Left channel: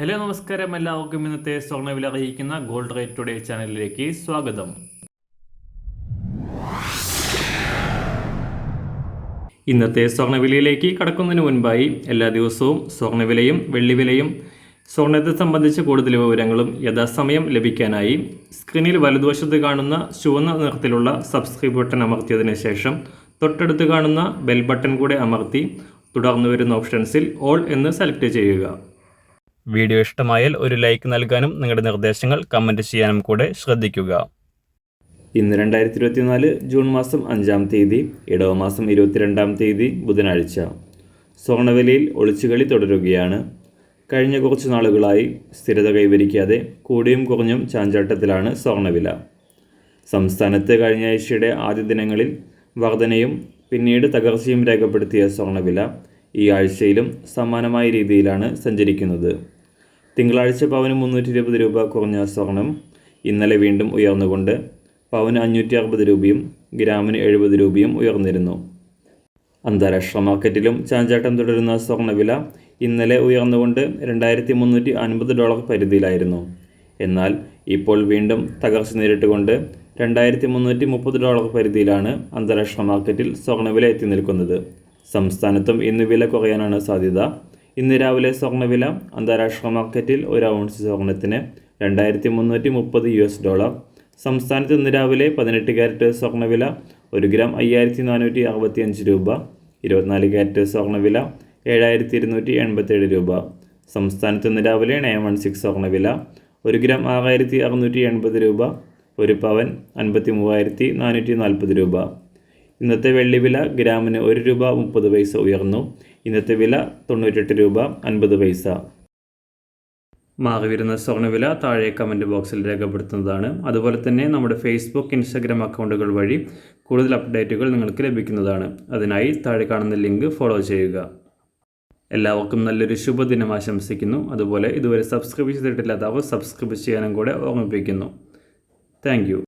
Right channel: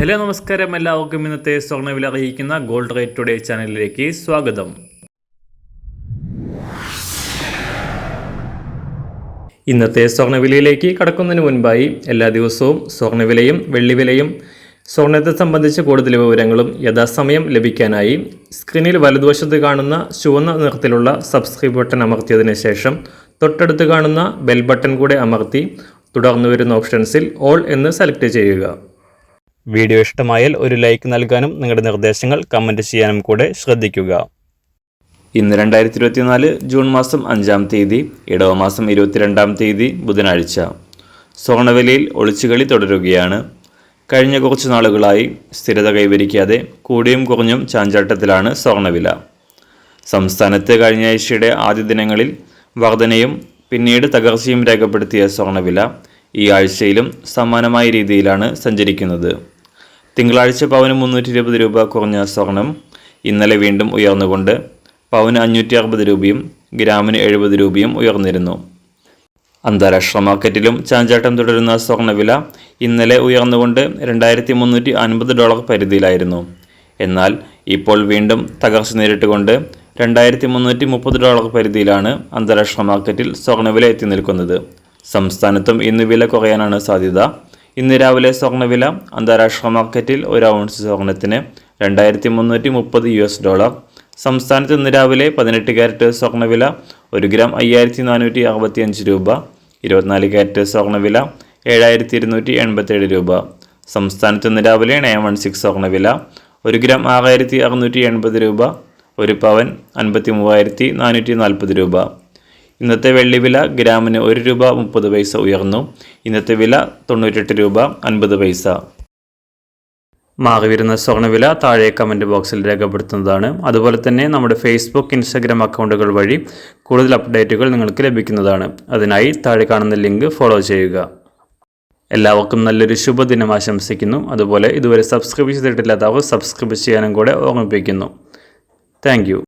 Hello നമസ്കാരം, എല്ലാവർക്കും ഇന്നത്തെ സ്വർണ്ണവില അറിയിക്കുന്ന ഗോൾഡ് റേറ്റ് ടുഡേ ചാനലിലേക്ക് സ്വാഗതം. ഇന്നത്തെ സ്വർണ്ണവിലയിലേക്ക് കടക്കുന്നതിന് മുൻപായി എല്ലാ ദിവസവും സ്വർണ്ണവിലയും വെള്ളിവിലയും സ്വർണ്ണത്തെ സംബന്ധിച്ച കൂടുതൽ വിവരങ്ങളും യഥാസമയം ലഭിക്കാനായി സ്ക്രീനിൽ വലതുവശത്ത് കാണുന്ന ചുവന്ന നിറത്തിലുള്ള സബ്സ്ക്രൈബ് ബട്ടൺ അമർത്തിയതിനു ശേഷം തൊട്ടടുത്ത് കാണുന്ന ബെൽ ബട്ടൺ കൂടെ അമർത്തി തുടർന്ന് വരുന്ന ഓപ്ഷൻസിൽ ഓൾ എന്ന് സെലക്ട് ചെയ്യുക. വീഡിയോ ഇഷ്ടമായാൽ ഒരു ലൈക്ക് നൽകാനും നിങ്ങളുടെ നിർദ്ദേശങ്ങൾ കമൻറ്റ് ചെയ്യാനും കൂടെ ശ്രദ്ധിക്കുക. ഇന്ന് 2024 ജൂൺ മാസം 5-ാം തീയതി, ഇടവമാസം 22-ാം തീയതി ബുധനാഴ്ച. സ്വർണ്ണവിലയിൽ ഒളിച്ചുകളി തുടരുകയാണ്. കഴിഞ്ഞ കുറച്ച് നാളുകളായി സ്ഥിരത കൈവരിക്കാതെ കൂടിയും കുറഞ്ഞും ചാഞ്ചാട്ടത്തിലാണ് സ്വർണ്ണവില. സംസ്ഥാനത്ത് കഴിഞ്ഞ ആഴ്ചയുടെ ആദ്യ ദിനങ്ങളിൽ വർധനയും പിന്നീട് തകർച്ചയും രേഖപ്പെടുത്തിയ സ്വർണ്ണവില ഈ ആഴ്ചയിലും സമാനമായ രീതിയിലാണ് സഞ്ചരിക്കുന്നത്. തിങ്കളാഴ്ച പവന് 320 രൂപ കുറഞ്ഞ സ്വർണം ഇന്നലെ വീണ്ടും ഉയർന്നുകൊണ്ട് പവന് 560 രൂപയും ഗ്രാമിന് 70 രൂപയും ഉയർന്നിരുന്നു. അന്താരാഷ്ട്ര മാർക്കറ്റിലും ചാഞ്ചാട്ടം തുടരുന്ന സ്വർണ്ണവില ഇന്നലെ ഉയർന്നുകൊണ്ട് $2,350 പരിധിയിലായിരുന്നു. എന്നാൽ ഇപ്പോൾ വീണ്ടും തകർച്ച നേരിട്ടുകൊണ്ട് $2,330 പരിധിയിലാണ് അന്താരാഷ്ട്ര മാർക്കറ്റിൽ സ്വർണ്ണവില എത്തി നിൽക്കുന്നത്. സംസ്ഥാനത്തും ഇന്ന് വില കുറയാനാണ് സാധ്യത. ഇന്ന് രാവിലെ സ്വർണ്ണവില അന്താരാഷ്ട്ര മാർക്കറ്റിൽ ഒരു ഔൺസ് സ്വർണ്ണത്തിന് $2,330. സംസ്ഥാനത്ത് ഇന്ന് രാവിലെ 18 ക്യാരറ്റ് സ്വർണ്ണവില 1 ഗ്രാം 5,465 രൂപ. 24 ക്യാരറ്റ് സ്വർണ്ണവില 7,287 രൂപ. സംസ്ഥാനത്ത് ഇന്ന് രാവിലെ 916 സ്വർണ്ണവില 1 ഗ്രാം 6,680 രൂപ. 1 പവൻ 53,440 രൂപ. ഇന്നത്തെ വെള്ളിവില ഗ്രാമിന് 1 രൂപ 30 പൈസ ഉയർന്നു. ഇന്നത്തെ വില 98 രൂപ 50 പൈസ. മാറിവരുന്ന സ്വർണ്ണവില താഴെ കമൻറ്റ് ബോക്സിൽ രേഖപ്പെടുത്തുന്നതാണ്. അതുപോലെ തന്നെ നമ്മുടെ ഫേസ്ബുക്ക്, ഇൻസ്റ്റാഗ്രാം അക്കൗണ്ടുകൾ വഴി കൂടുതൽ അപ്ഡേറ്റുകൾ നിങ്ങൾക്ക് ലഭിക്കുന്നതാണ്. അതിനായി താഴെ കാണുന്ന ലിങ്ക് ഫോളോ ചെയ്യുക. എല്ലാവർക്കും നല്ലൊരു ശുഭദിനം ആശംസിക്കുന്നു. അതുപോലെ ഇതുവരെ സബ്സ്ക്രൈബ് ചെയ്തിട്ടില്ലാത്തവർ സബ്സ്ക്രൈബ് ചെയ്യാനും കൂടെ ഓർമ്മിപ്പിക്കുന്നു. Thank you.